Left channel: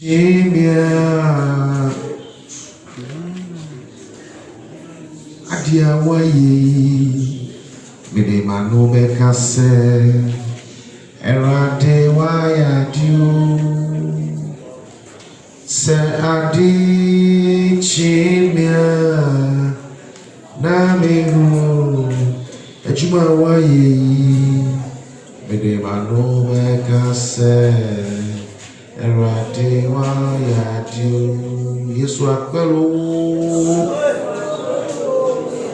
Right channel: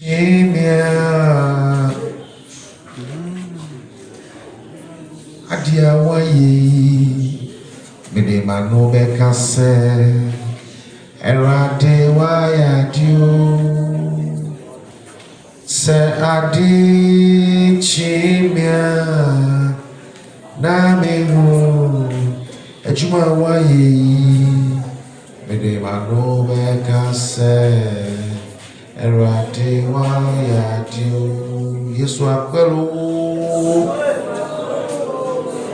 Jimia Adia waye Mede mano bekase Erade waya dio Se adi Jimia Na mihu Ejuma waye Mede mano bekase Erade waya dio Yesu akwelo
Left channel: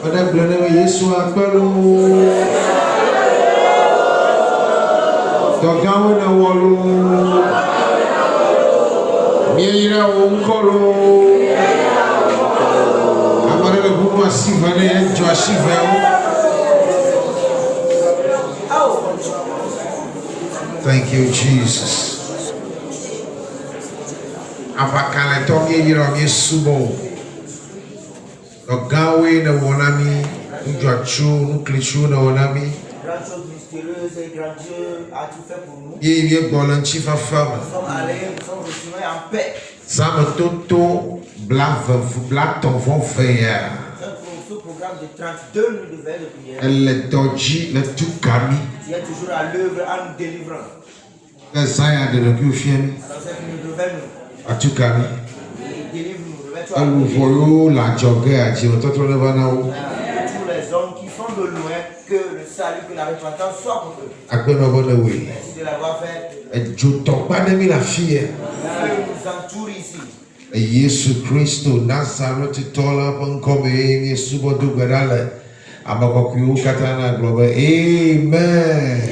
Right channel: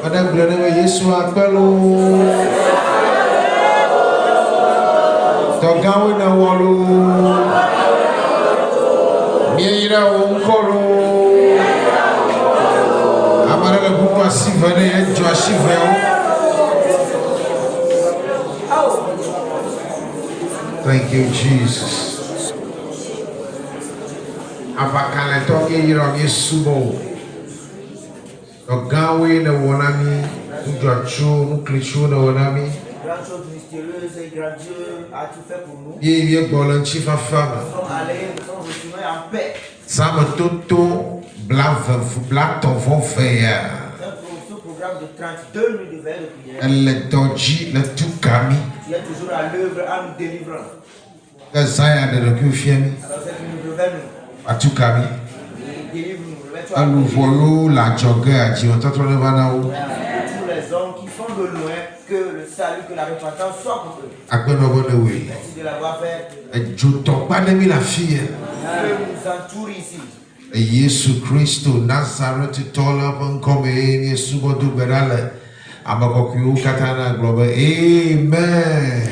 Madame Grenouille Yesu akwelo Togawe na wolo Miira wonkoro Amara le buku asivane ejo asiveo Thank you Jesus Apakane toke yiro Yesubo Gawe na wonami Ujachu nuklichu na wonami Grande chose mystérieuse et grand Dieu a-tu fait pour nous. Yeye bolanchi fafama Nous sommes allés, nous sommes retournés en paix. Sam toto blaton vont faire Ce programme de 32 nuits de veille de prière. Elle doji le tout kami Tu es toujours à l'œuvre en nous délivrant. Zaya de la kufiemi Alors c'est que nous revenons. Atu kami Délivre-nous, remets-toi à Awu volo la jogger ati ototo le banao pour tous les hommes qui sont de loin, que le salut, que la repentance soit pour eux. Agbeno bono we Merci de l'avoir fait. Joto panemi la fille Dieu nous entoure ici. Yesu Kristo Nazareth tola bankome Yesu bodu berale Abakoku katana globe Amen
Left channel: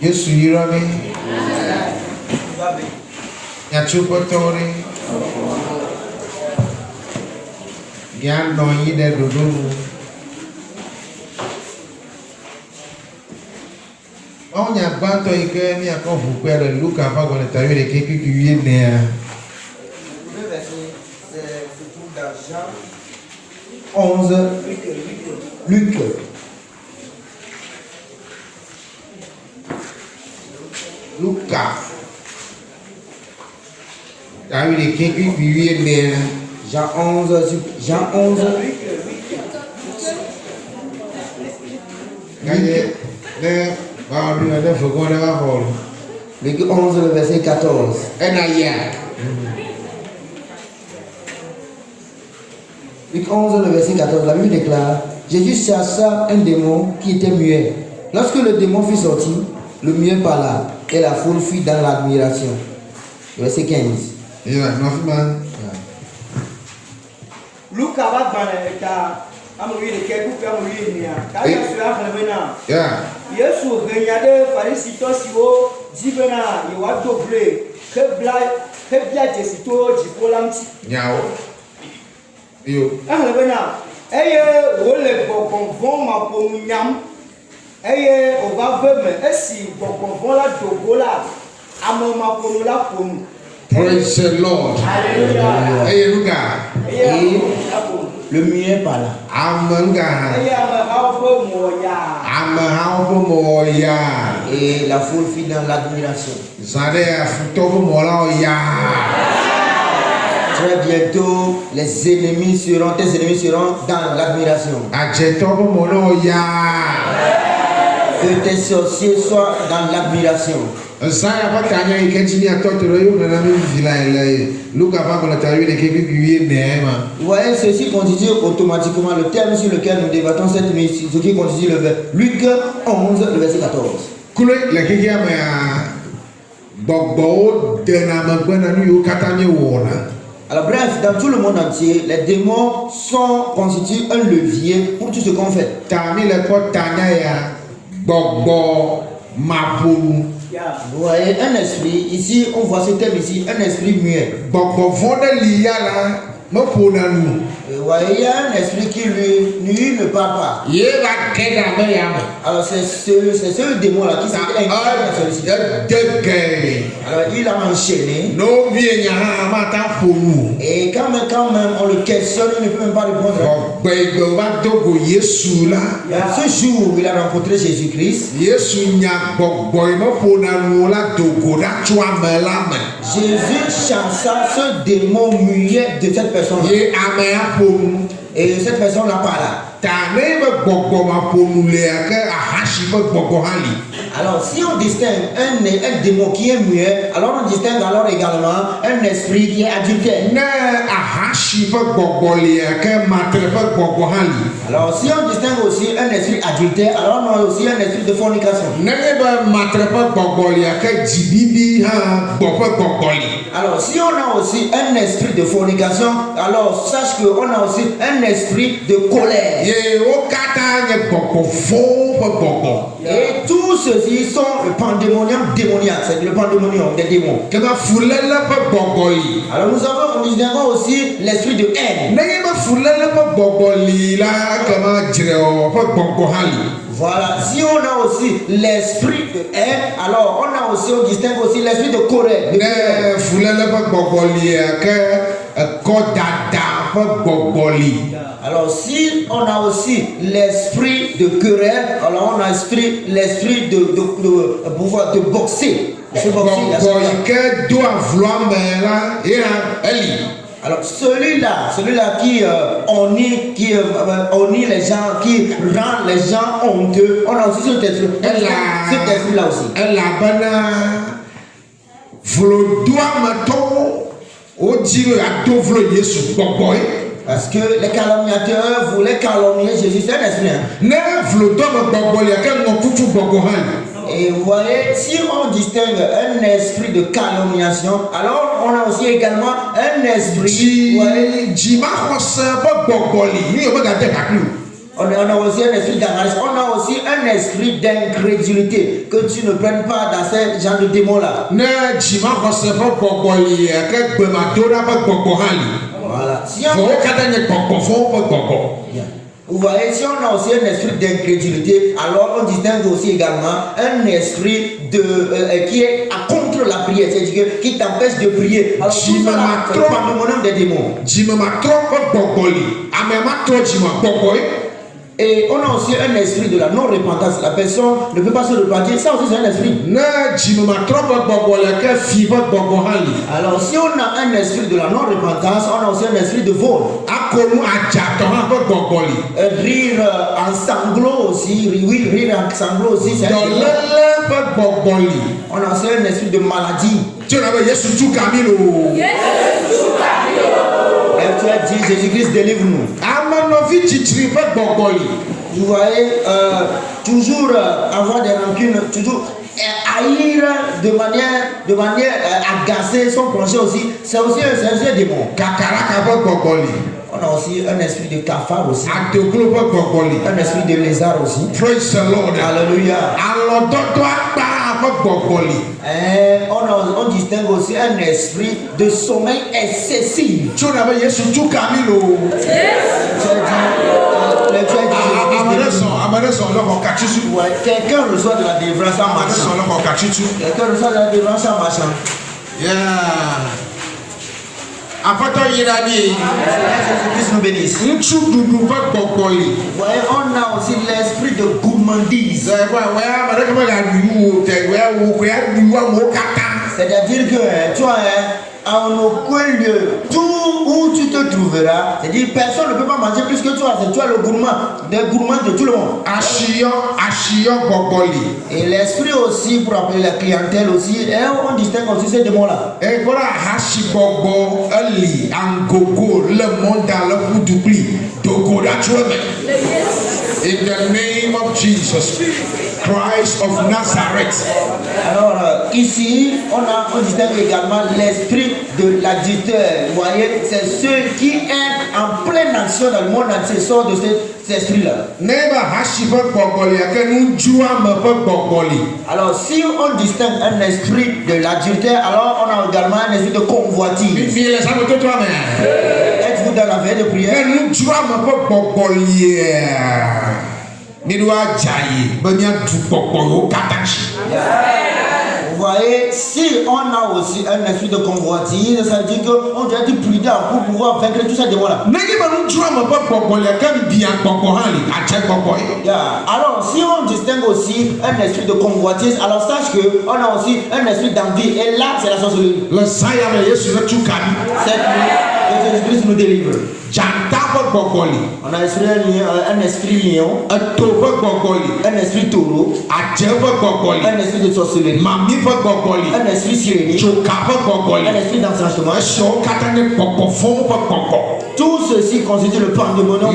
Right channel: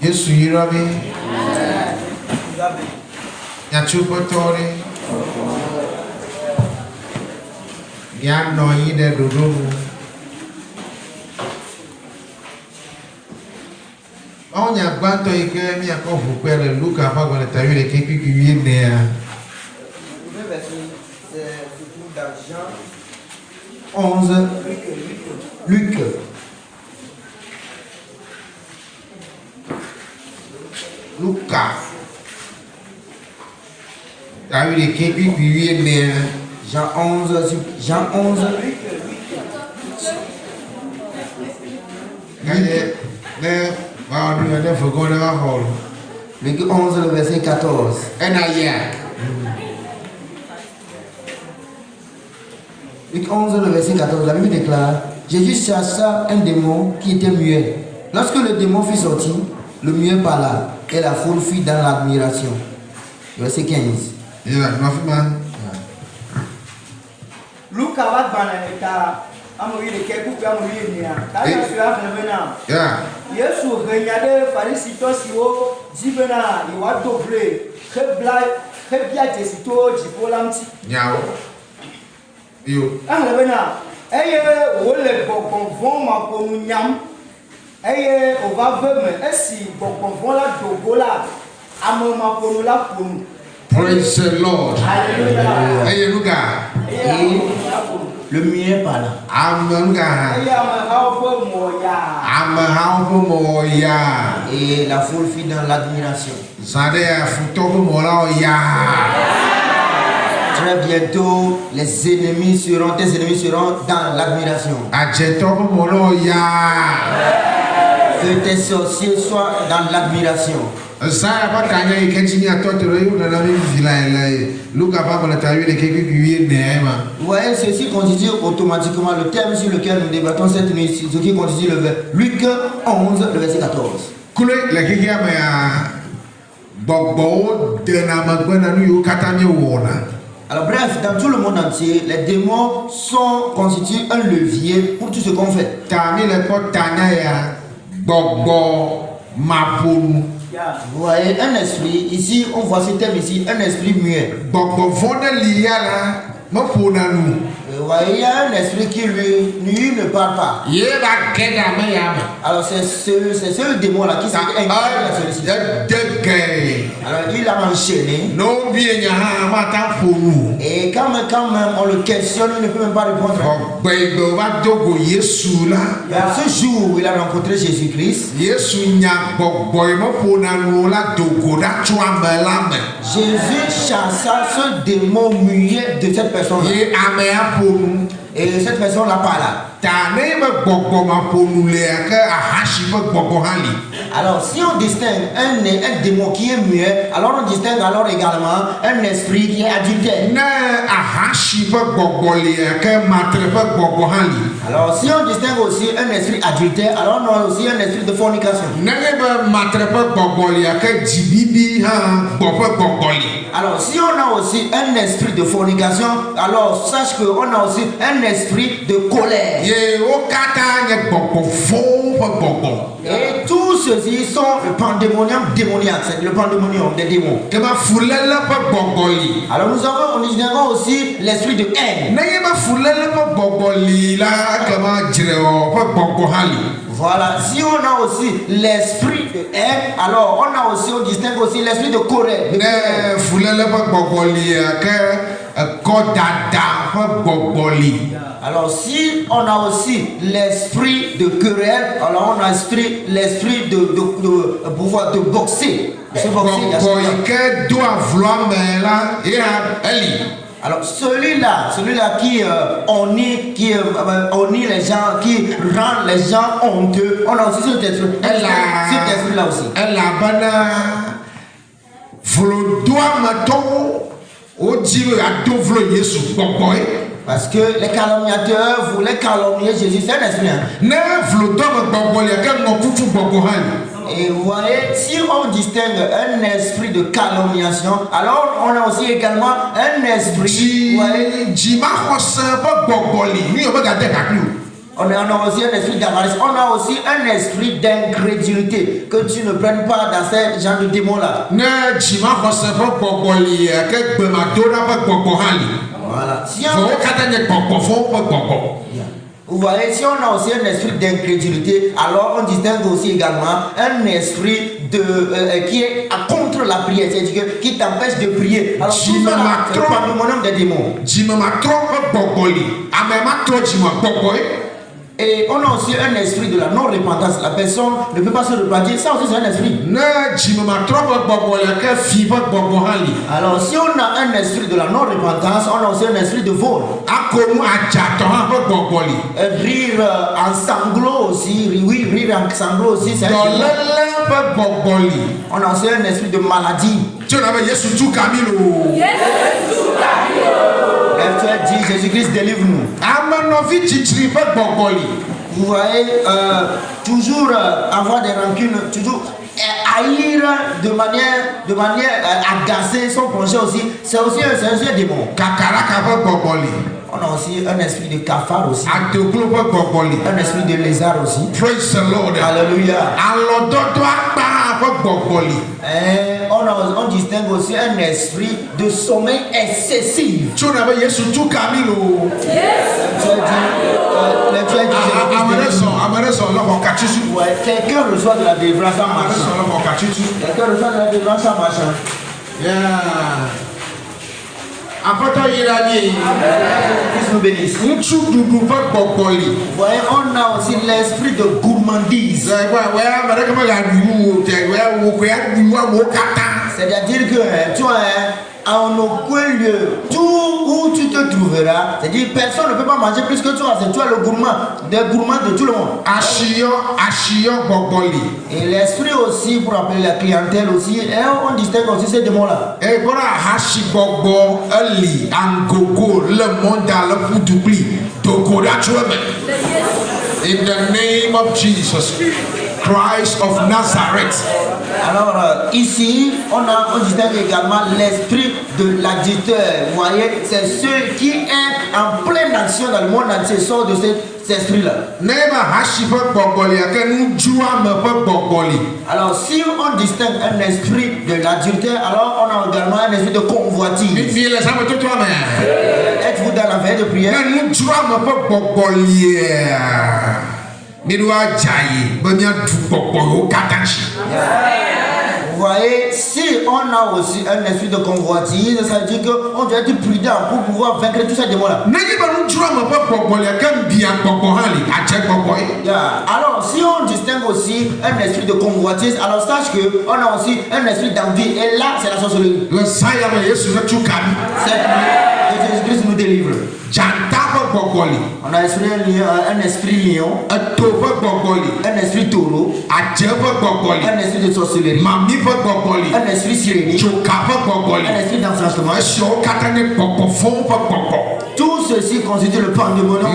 Yesu yirami Yachupotori Yano yide dudumu On y a battu et que mi a confus le Luc avant qu'on ait vu les quelques qui viennent derrière. Le verset se trouve dans Jean 11. Luc. Lucas. T'as vu les quelques qui viennent derrière. Jean 11. Jean 11. Luc 11, le verset 14. Luc 11, le verset 14, la Bible déclare: Jésus chassa un démon qui était muet. Lorsque le démon fut sorti, le muet parla et la foule fut dans l'admiration. Verset 15. Luc va dans Yesu renyade farisito siwo zibena iwato ble kebia jesito jipolamti Nyao. Yo. bena eye wole bonbon ma ponu nyam eye o va veme esi bonbon la dogola amo ma ponu la ponu. Praise the Lord. Hallelujah. Hey, Luca. Et le muet parla. Amanga. Moya. Et la foule fut dans l'admiration. Zade futoku mola ya. Très bientôt, tes ennemis seront dans l'admiration. Ajetoku mola ya. Que tes sorciers soient dans l'admiration. Sara bakanya iketini atotero yo na nami vilaele. Luka baba la tayu les quelques qui neema. Vous voyez, ceci constitue automatiquement le terme sur lequel nous débattons cette nuit, ce qui constitue le Luc 11, le verset 14. Kule la kiki ama bobo de na magbena nu yo katanye wona. Alors bref, dans tout le monde entier, les démons constituent un levier pour tout ce qu'on fait. Tami le ko tanya ya bobo mapunu. Vous voyez, un esprit, ici, on voit ce terme ici, un esprit muet. Bobo vona liya la mapuna nu. Vous voyez, il y a un esprit qui lui ne parle pas. Ye ba keda me ya. Alors c'est ce démon-là qui s'est incarné dans celui-ci. Alors il a enchaîné. Et quand même on le questionne, il ne peut même pas répondre. Ce jour où il a rencontré Jésus-Christ, Jésus chassa ce démon muet de cette personne. Et cette personne n'a pas là. Alors si on distingue un démon qui est muet, alors on distingue alors également un esprit qui est adultère. Alors si on distingue aussi un esprit adultère, alors on a aussi un esprit de fornication. Alors si on a aussi un esprit de fornication, alors sache qu'on a aussi un esprit de colère. Et tous ceux-ci sont le pandémonium démoniaque, c'est le pandémonium des démons. Alors nous avons aussi l'esprit de haine. Voilà, si on a aussi l'esprit de haine, alors on distingue aussi l'esprit de colère. Alors si on a aussi l'esprit de querelle, alors on a l'esprit de pouvoir de boxer. Alors celui-là qui honnit les gens, qui rend les gens honteux, on a aussi cet esprit-là aussi. Parce que les calomniateurs voulaient calomnier Jésus, c'est un esprit. Et vous voyez, si on distingue un esprit de calomniation, alors on a aussi également un esprit. On a aussi un esprit d'avarice, on a aussi un esprit d'incrédulité, que tu ne prennes pas dans ce genre de démon-là. Voilà. Vous voyez, si on a aussi un esprit d'incrédulité, alors on distingue aussi également un esprit qui est contre la prière, c'est-à-dire qui t'empêche de prier. Alors, tout ça, c'est le pandémonium des démons. Et on a aussi un esprit de la non-repentance. La personne ne peut pas se repentir, ça aussi c'est un esprit. Alors si on a un esprit de la non-repentance, on a aussi un esprit de vol. Rire en sanglots aussi, oui, rire en sanglots aussi, c'est un esprit. On a aussi un esprit de maladie. Tu as dit, Jésus-Christ, délivre-nous. Vous voyez, toujours avoir des rancunes, toujours haïr de manière agacée son projet aussi, c'est aussi un démon. On a aussi un esprit de cafard aussi. Un esprit de lézard aussi. Praise the Lord. Alléluia. On distingue aussi un esprit de sommeil excessif. Quelqu'un reçoit de la délivrance en marchant. Quelqu'un reçoit de la délivrance en marchant. Jésus-Christ nous bénisse. Vous voyez, on a aussi l'esprit de gourmandise. C'est-à-dire que tu as en aucun lieu, tout où tu te trouveras, c'est-à-dire personne ne peut pas manger plus que toi, c'est toi le gourmand de tout le monde. Et l'esprit aussi, pour appeler la clientèle aussi, et on distingue aussi ces démons-là. In the name of Jesus Christ of Nazareth. Alors ici, on distingue également l'esprit de l'adultère. Vous voyez, c'est ceux qui est en pleine action dans le monde entier, sort de cet esprit-là. Alors si on distingue un esprit de l'adultère, alors on a également un esprit de convoitise. Êtes-vous dans la veille de prière? Vous voyez, si on a aussi un esprit de convoitise, ça veut dire qu'on doit être prudent pour pouvoir vaincre tous ces démons-là. Alors, si on distingue aussi un esprit de convoitise, alors sache qu'on a aussi un esprit d'envie. Et là, c'est la sorcellerie. Jésus-Christ nous délivre. On a un esprit lion, un esprit taureau, un esprit de sorcellerie, un esprit sirénique, un esprit d'enchantement. Tout ceci constitue le pandémonium.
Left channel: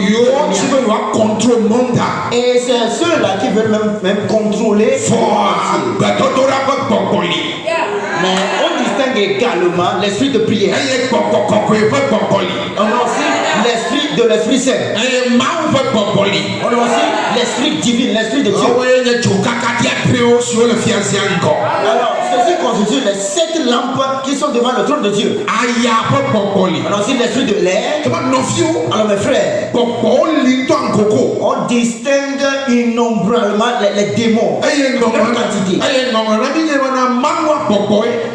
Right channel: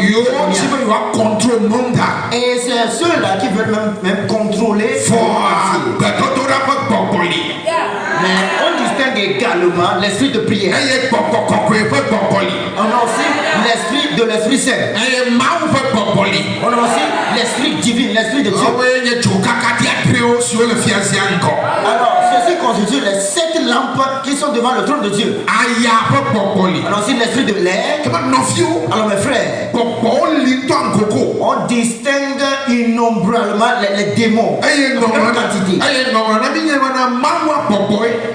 Et c'est ceux-là qui veulent même contrôler. Mais on distingue également l'esprit de prière. On a aussi l'esprit saint. On a aussi l'esprit divin, l'esprit de Dieu. Alors, ceci constitue les 7 lampes qui sont devant le trône de Dieu. On a aussi l'esprit de l'air. Alors, mes frères, on distingue innombrablement les démons.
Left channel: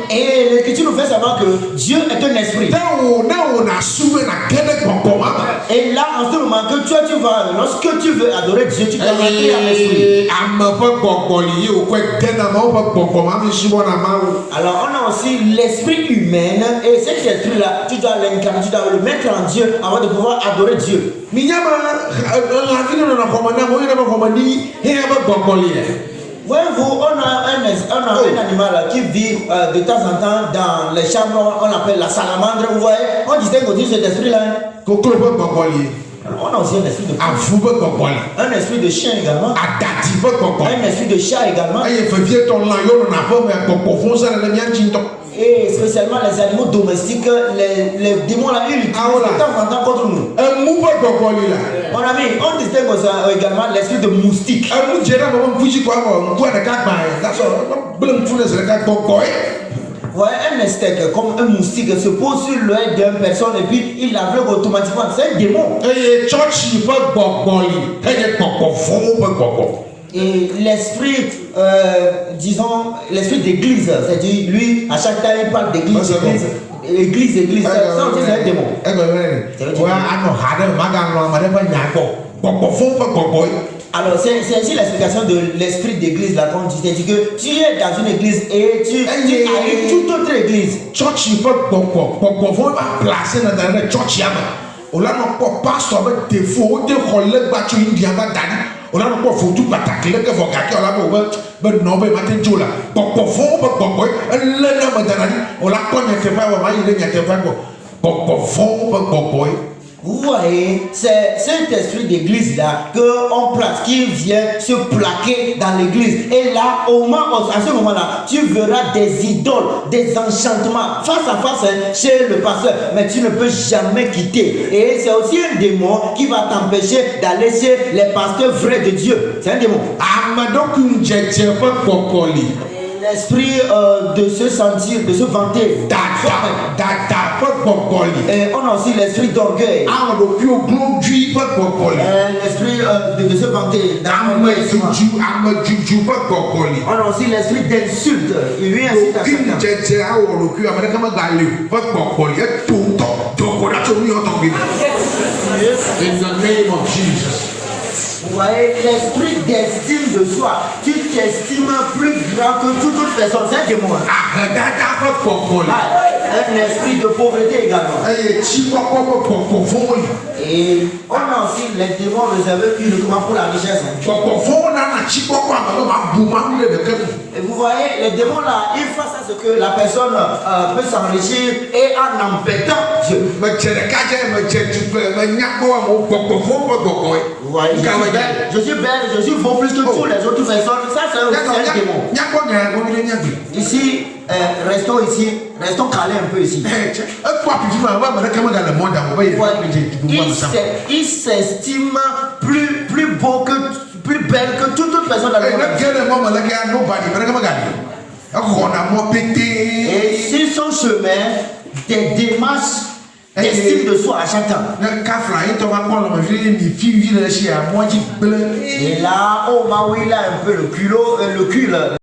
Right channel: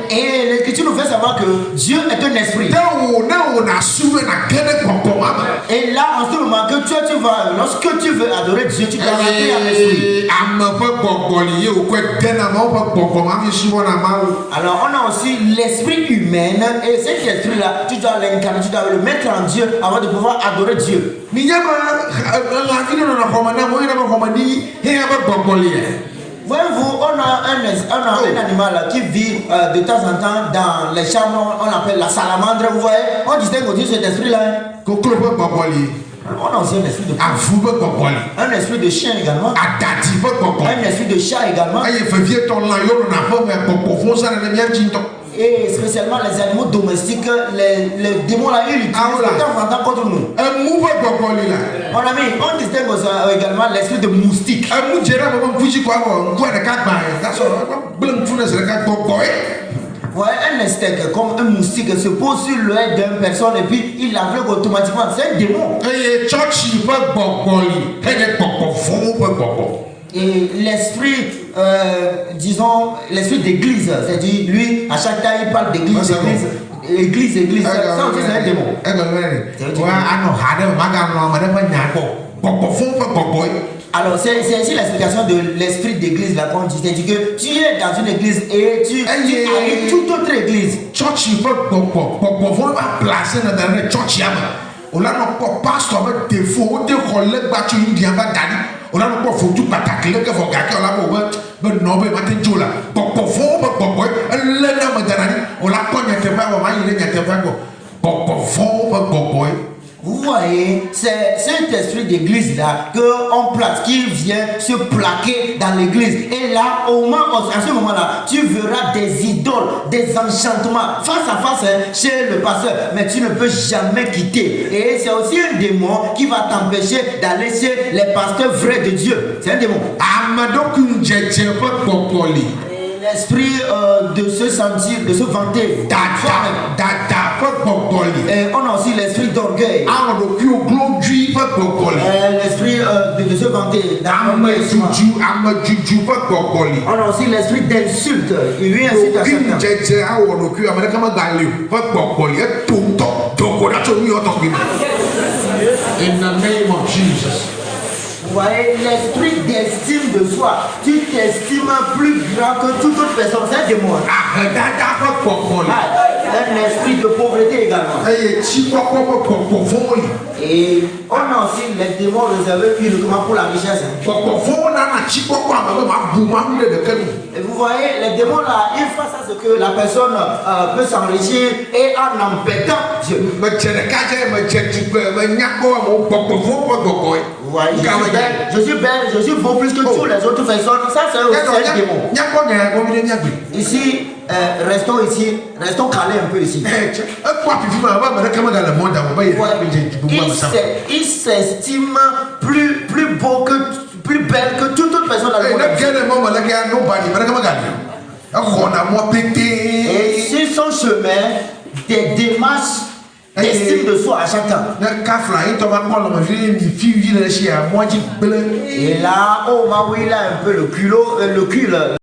Et l'Écriture nous fait savoir que Dieu est un esprit. Et là, en ce moment que toi, lorsque tu veux adorer Dieu, tu dois rentrer en esprit. Alors, on a aussi l'esprit humain. Et cet esprit-là, tu dois l'incarner, tu dois le mettre en Dieu avant de pouvoir adorer Dieu. Voyez-vous, on a un animal qui vit de temps en temps dans les chambres, on appelle la salamandre. Vous voyez, on distingue aussi cet esprit-là. On a aussi un esprit de un esprit de chien également. Un esprit de chat également. Et spécialement les animaux domestiques, les démons là, ils utilisent de temps en temps contre nous. Mon ami, on distingue également l'esprit de moustique. Ouais, un insecte comme un moustique se pose sur l'œil d'une personne et puis il l'aveugle automatiquement. C'est un démon. Et l'esprit, disons, l'esprit d'église, c'est-à-dire lui, à chaque temps, il parle d'église, église. Ça, c'est un démon. Alors, c'est ici l'explication de l'esprit d'église, là, qu'on dit. C'est-à-dire que tu es dans une église et tu arrives toute autre église. Vous voyez, c'est cet esprit d'église là qu'on place, qui vient se plaquer dans l'église. Et là, à ce moment-là, tu verras des idoles, des enchantements face à face chez le pasteur. Mais tu ne peux jamais quitter. Et c'est aussi un démon qui va t'empêcher d'aller chez les pasteurs vrais de Dieu. C'est un démon. L'esprit de se sentir, de se vanter. Et on a aussi l'esprit d'orgueil. L'esprit de se vanter. On a aussi l'esprit d'insulte. Il vient ainsi In the name of Jesus. Vous voyez, l'esprit d'estime de soi, tu t'estimes plus grand que toute autre personne, c'est un démon. Un esprit de pauvreté également. Et on a aussi les démons réservés uniquement pour la richesse. Et vous voyez, les démons là, ils font ça, ce que la personne peut s'enrichir et en embêtant Dieu. Vous voyez, je suis belle, je suis beau plus que toutes les autres personnes. Ça, c'est un démon. Ici, restons calés un peu ici. Il s'estime plus beau plus belle que toute autre personne dans le monde. Et sur son chemin, des démarches d'estime de soi à chaque temps. Et là, oh, il a un peu le culot, le cul.